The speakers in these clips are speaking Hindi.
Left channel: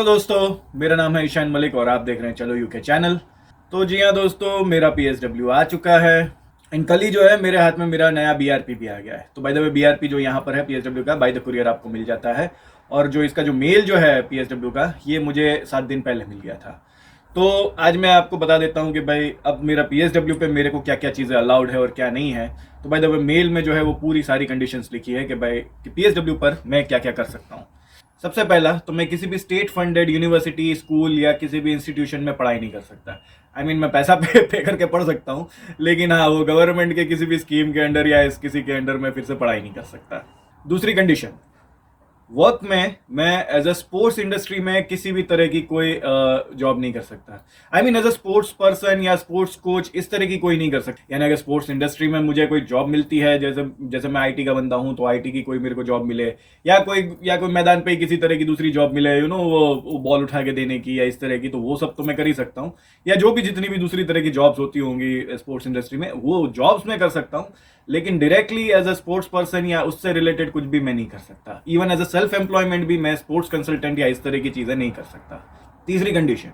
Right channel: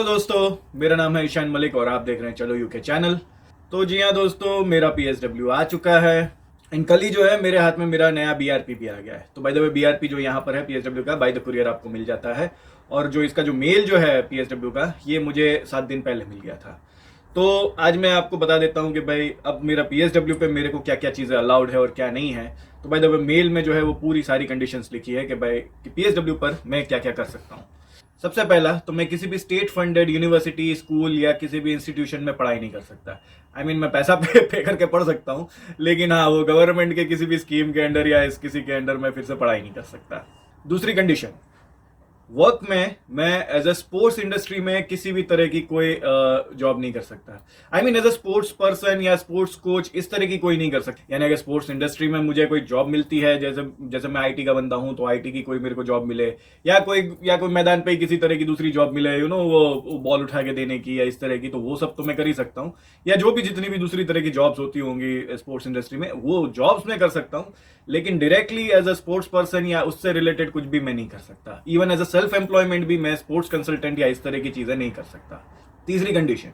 हेलो दोस्तों, मेरा नाम है ईशान मलिक और आप देख रहे हैं चलो यूके चैनल। तो जी हाँ दोस्तों, मेरा पीएसडब्ल्यू आ चुका है। इन कल ही जो है मेरे हाथ में मेरा नया बीआरपी भी आ गया है। तो बाय द वे बीआरपी जो यहाँ पर है पीएसडब्ल्यू का बाय द कुरियर आपको मिल जाता है। और जो इसका जो मेल जो है पीएसडब्ल्यू का, ये मुझे 7 दिन पहले मिल गया था। तो आज मैं आपको बता देता हूँ कि भाई अब मेरा पीएसडब्ल्यू पे मेरे को क्या क्या चीज़ें अलाउड है और क्या नहीं है। तो बाय द वे मेल में जो है वो पूरी सारी कंडीशंस लिखी है कि भाई कि पीएसडब्ल्यू पर मैं क्या क्या कर सकता हूँ। सबसे पहला तो मैं किसी भी स्टेट फंडेड यूनिवर्सिटी, स्कूल या किसी भी इंस्टीट्यूशन में पढ़ाई नहीं कर सकता। मैं पैसा पे करके पढ़ सकता हूँ, लेकिन हाँ वो गवर्नमेंट के किसी भी स्कीम के अंडर या इस किसी के अंडर मैं फिर से पढ़ाई नहीं कर सकता। दूसरी कंडीशन, वर्क में मैं एज अ स्पोर्ट्स इंडस्ट्री में किसी भी तरह की कोई जॉब नहीं कर सकता। एज अ स्पोर्ट्स पर्सन या स्पोर्ट्स कोच इस तरह की कोई नहीं कर सकता। यानी अगर स्पोर्ट्स इंडस्ट्री में मुझे कोई जॉब मिलती है, जैसे जैसे मैं आईटी का बंदा हूं, तो आईटी की कोई मेरे को जॉब मिले, या कोई मैदान पे किसी तरह की दूसरी जॉब मिले, वो बॉल उठा के देने की या इस तरह की, तो वो सब तो मैं कर ही सकता हूँ। या जो भी जितनी भी दूसरी तरह की जॉब्स होती होंगी स्पोर्ट्स इंडस्ट्री में, वो जॉब्स मैं कर सकता हूँ। लेकिन directly as a sports person या उससे रिलेटेड कुछ भी मैं नहीं कर सकता। Even as a self employment भी मैं स्पोर्ट्स कंसल्टेंट या इस तरह की चीजें नहीं कर सकता। तीसरी कंडीशन,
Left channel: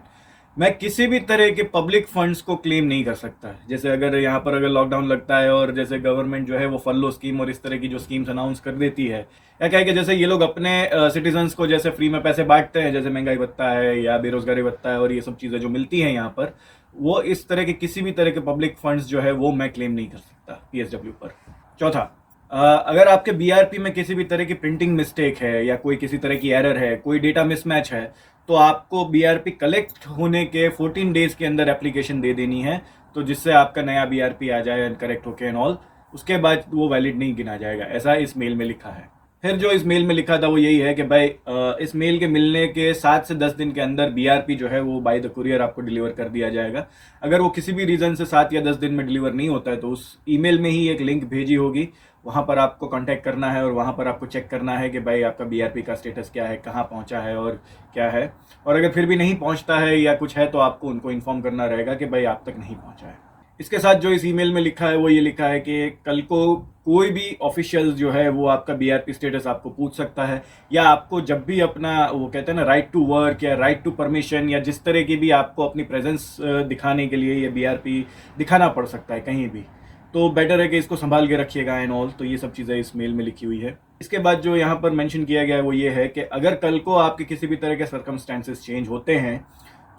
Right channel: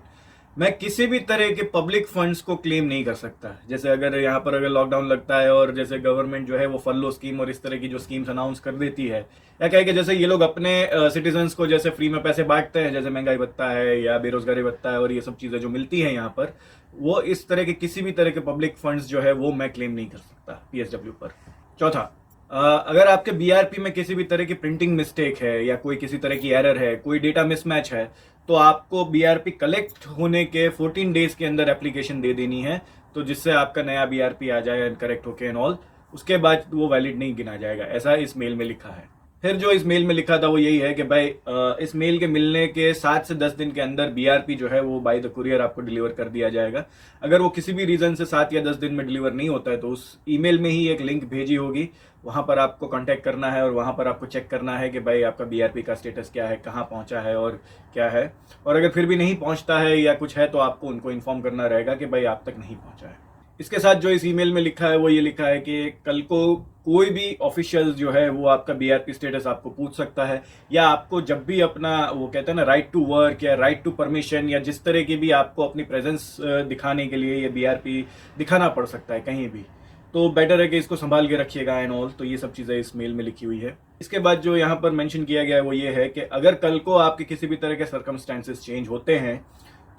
मैं किसी भी तरह के पब्लिक फंड्स को क्लेम नहीं कर सकता। जैसे अगर लॉकडाउन लगता है और जैसे गवर्नमेंट जो है वो फर्लो स्कीम और इस तरह की जो स्कीम्स अनाउंस कर देती है, या क्या है कि जैसे ये लोग अपने सिटीजन्स को जैसे फ्री में पैसे बांटते हैं, जैसे महंगाई भत्ता है या बेरोजगारी भत्ता है और ये सब चीजें जो मिलती हैं यहाँ पर, वो इस तरह के किसी भी तरह के पब्लिक फंड्स जो है वो मैं क्लेम नहीं कर सकता पीएसडब्ल्यू पर। चौथा, अगर आपके बीआरपी में किसी भी तरह की प्रिंटिंग मिस्टेक है या कोई किसी तरह की एरर है, कोई डेटा मिसमैच है, तो आपको बीआरपी कलेक्ट होने के 14 डेज के अंदर एप्लीकेशन दे देनी है, तो जिससे आपका नया बीआरपी आ जाए करेक्ट होके एंड ऑल। उसके बाद वो वैलिड नहीं गिना जाएगा, ऐसा इस मेल में लिखा है। फिर जो इस मेल में लिखा था वो यही है कि भाई इस मेल के मिलने के 7 से 10 दिन के अंदर बीआरपी जो है वो बाय द कुरियर आपको डिलीवर कर दिया जाएगा। अगर वो किसी भी रीजन से 7 या 10 दिन में डिलीवर नहीं होता है, तो उस ईमेल में ही एक लिंक भेजी होगी, वहां पर आपको कांटेक्ट करना है और वहां पर आपको चेक करना है कि भाई आपका बीआरपी का स्टेटस क्या है, कहाँ पहुंचा है और क्या है। और अगर फिर भी नहीं पहुंचता है या कुछ है, तो आपको उनको इन्फॉर्म करना रहेगा कि भाई आप तक नहीं पहुंचा है। इसके साथ जो इस ईमेल में लिखा है वो ये लिखा है कि कल को कोई भी ऑफिशियल जो है वो आपका बीआरपी स्टेटस आपको पूछ सकता है, या आपको जब भी अपना वो कहते हैं ना राइट टू वर्क या राइट टू परमिशन या जिस तरह की भी आपको अपनी प्रेजेंस दिखाने के लिए ये बीआरपी दिखाना पड़ सकता है कहीं भी। तो बेटर है कि इसको संभाल के रखिएगा एंड ऑल। तो ये सब चीज़ें इस मेल में लिखी हुई है। इसके बाद जो यहाँ पर मेंशन किया गया है वो ये है कि अगर कल को आपके किसी भी तरह के सर्कमस्टेंसेस चेंज होते हैं,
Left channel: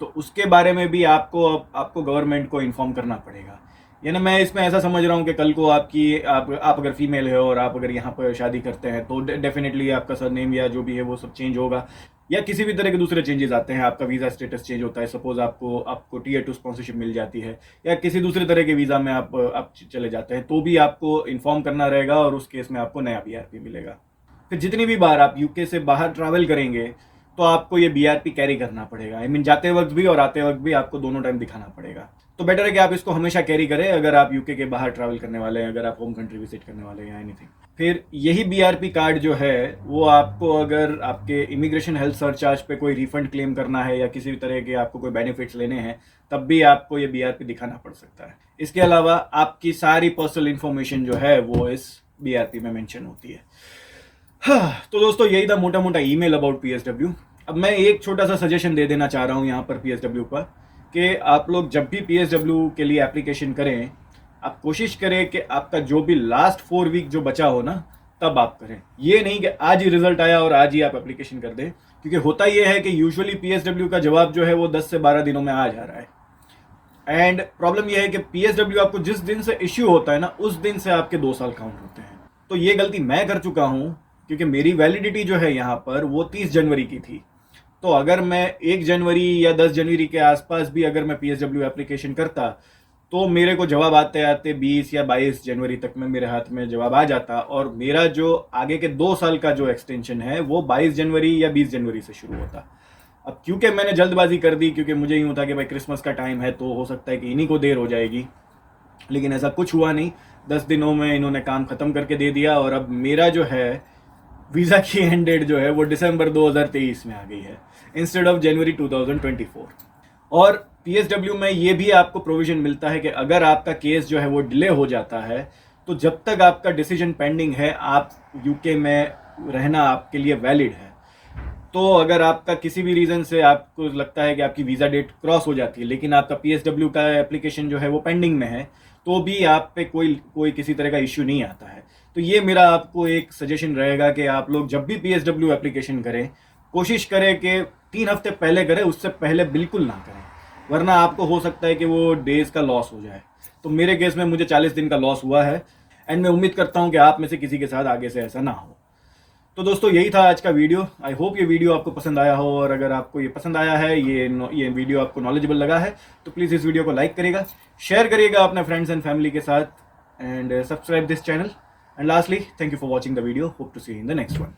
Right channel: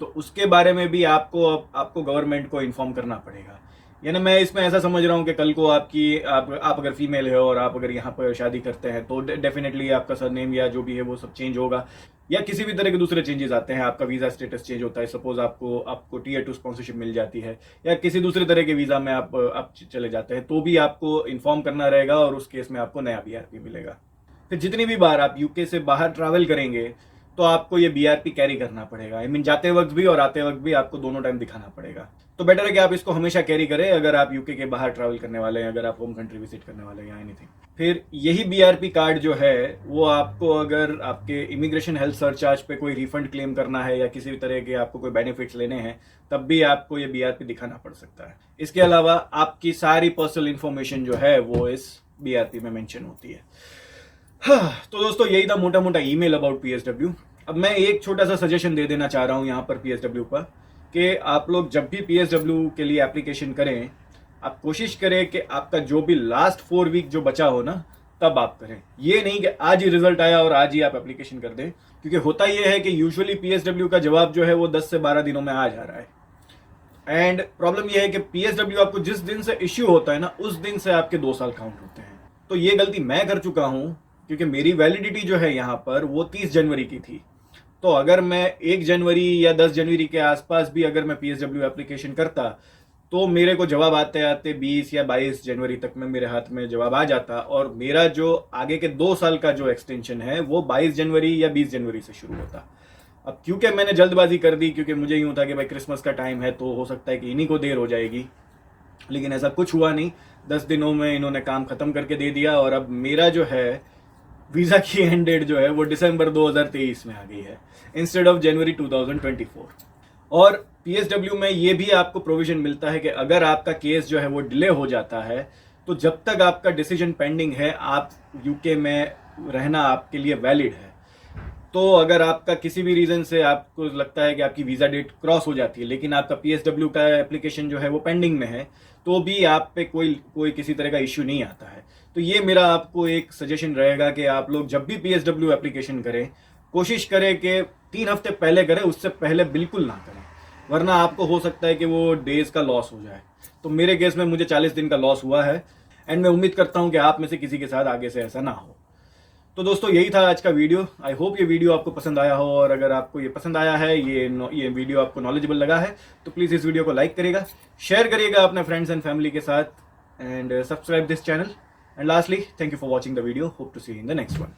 तो उसके बारे में भी आपको गवर्नमेंट को इन्फॉर्म करना पड़ेगा। यानी मैं इसमें ऐसा समझ रहा हूँ कि कल को आप अगर फीमेल है और आप अगर यहाँ पर शादी करते हैं, तो डेफिनेटली आपका सरनेम या जो भी है वो सब चेंज होगा, या किसी भी तरह के दूसरे चेंजेस आते हैं, आपका वीज़ा स्टेटस चेंज होता है, सपोज आपको टीयर 2 स्पॉन्सरशिप मिल जाती है, या किसी दूसरे तरह के वीज़ा में आप चले जाते हैं, तो भी आपको इन्फॉर्म करना रहेगा और उस केस में आपको नया बीआरपी मिलेगा। फिर जितनी भी बार आप यूके से बाहर ट्रैवल करेंगे, तो आपको ये बीआरपी कैरी करना पड़ेगा। जाते वक्त भी और आते वक्त भी आपको दोनों टाइम दिखाना पड़ेगा। तो बेटर है कि आप इसको हमेशा कैरी करें अगर आप यूके के बाहर ट्रैवल करने वाले हैं, अगर आप होम कंट्री विजिट करने वाले हैं या एनीथिंग। फिर यही बीआरपी कार्ड जो है वो आपको अगर आपके इमिग्रेशन हेल्थ सरचार्ज पे कोई रिफंड क्लेम करना है या किसी भी तरह के आपको कोई बेनिफिट्स लेने हैं, तब भी आपको ये बीआरपी दिखाना पड़ सकता है। इसके अलावा आपकी सारी पर्सनल इंफॉर्मेशन जो है वो इस बीआरपी में मेंशन होती है। हाँ, तो दोस्तों यही था मोटा मोटा ईमेल अबाउट पीएसडब्ल्यू। अब मैं एक छोटा सा सजेशन दे देना चाह रहा हूँ यहाँ पर पीएसडब्ल्यू पर, कि आप लोग जब भी पीएसडब्ल्यू के लिए एप्लीकेशन करें, आप कोशिश करें कि आपका जो भी लास्ट 4 वीक जो बचा हो ना, तब आप करें। ये नहीं कि आज ही रिजल्ट आया और आज ही आप एप्लीकेशन कर दें, क्योंकि होता ये है कि यूजुअली पीएसडब्ल्यू का जवाब जो है वो 10 से 12 दिनों में आ जा रहा है। एंड प्रॉब्लम यह है कि पीएसडब्ल्यू आपको जिस दिन से इश्यू होता है ना, उस दिन से आपके 2 साल काउंट होते हैं। तो ये गलती मैं कर चुका हूँ, क्योंकि मेरी वैलिडिटी जो है यहाँ पर वो 30 जनवरी की थी। तो अगर मैं 1 जनवरी या 10 जनवरी के आसपास भी अगर मैं पीएसडब्ल्यू एप्लीकेशन करता, तो मेरे को जवाब आते आते 20 या 22 जनवरी तक में मेरे हाथ में जवाब आ जाता, और मेरा जो आगे के 2 साल का जो एक्सटेंशन है वो 22 जनवरी या 20 जनवरी से शुरू होता। अब क्योंकि मैंने जल्दबाजी कर दी, क्योंकि मुझे यूँ था कि भाई क्रिसमस का टाइम है तो हो सकता है कि इन्हीं को देर हो जाएगी, लेकिन ऐसा कुछ हुआ नहीं। 10 दिनों में इन्होंने काम खत्म करके दे दिया, और अब मेरा जो है वीज़ा की एंड डेट जो है वो दिसंबर 2023 में आ गई है इंस्टेड ऑफ जनवरी 2024। और पीएसडब्ल्यू में ये भी आपको प्रोविजन मिलता है कि अगर आपका केस जो है वो डिले हो जाता है, तो जब तक आपका डिसीजन पेंडिंग है, आप यूके में रहना आपके लिए वैलिड है। तो अगर आपका किसी भी रीज़न से आपको लगता है कि आपकी वीज़ा डेट क्रॉस हो जाती है लेकिन आपका PSW का एप्लीकेशन जो है वो पेंडिंग में है, तो भी आप पे कोई कोई किसी तरह का इश्यू नहीं आता है। तो ये मेरा आपको एक सजेशन रहेगा कि आप लोग जब भी PSW एप्लीकेशन करें, कोशिश करें कि 3 हफ्ते पहले करें, उससे पहले बिल्कुल ना करें, वरना आपको हो सकता है कि वो डेज़ का लॉस हो जाए। तो मेरे केस में मुझे 40 दिन का लॉस हुआ है, एंड मैं उम्मीद करता हूँ कि आप में से किसी के साथ आगे से ऐसा ना हो। तो दोस्तों यही था आज का वीडियो। आई होप ये वीडियो आपको पसंद आया हो, और अगर आपको ये पसंद आया है, ये वीडियो आपको नॉलेजेबल लगा है, तो प्लीज़ इस वीडियो को लाइक करिएगा, शेयर करिएगा अपने फ्रेंड्स एंड फैमिली के साथ, and subscribe this channel. And lastly, thank you for watching the video. Hope to see in the next one.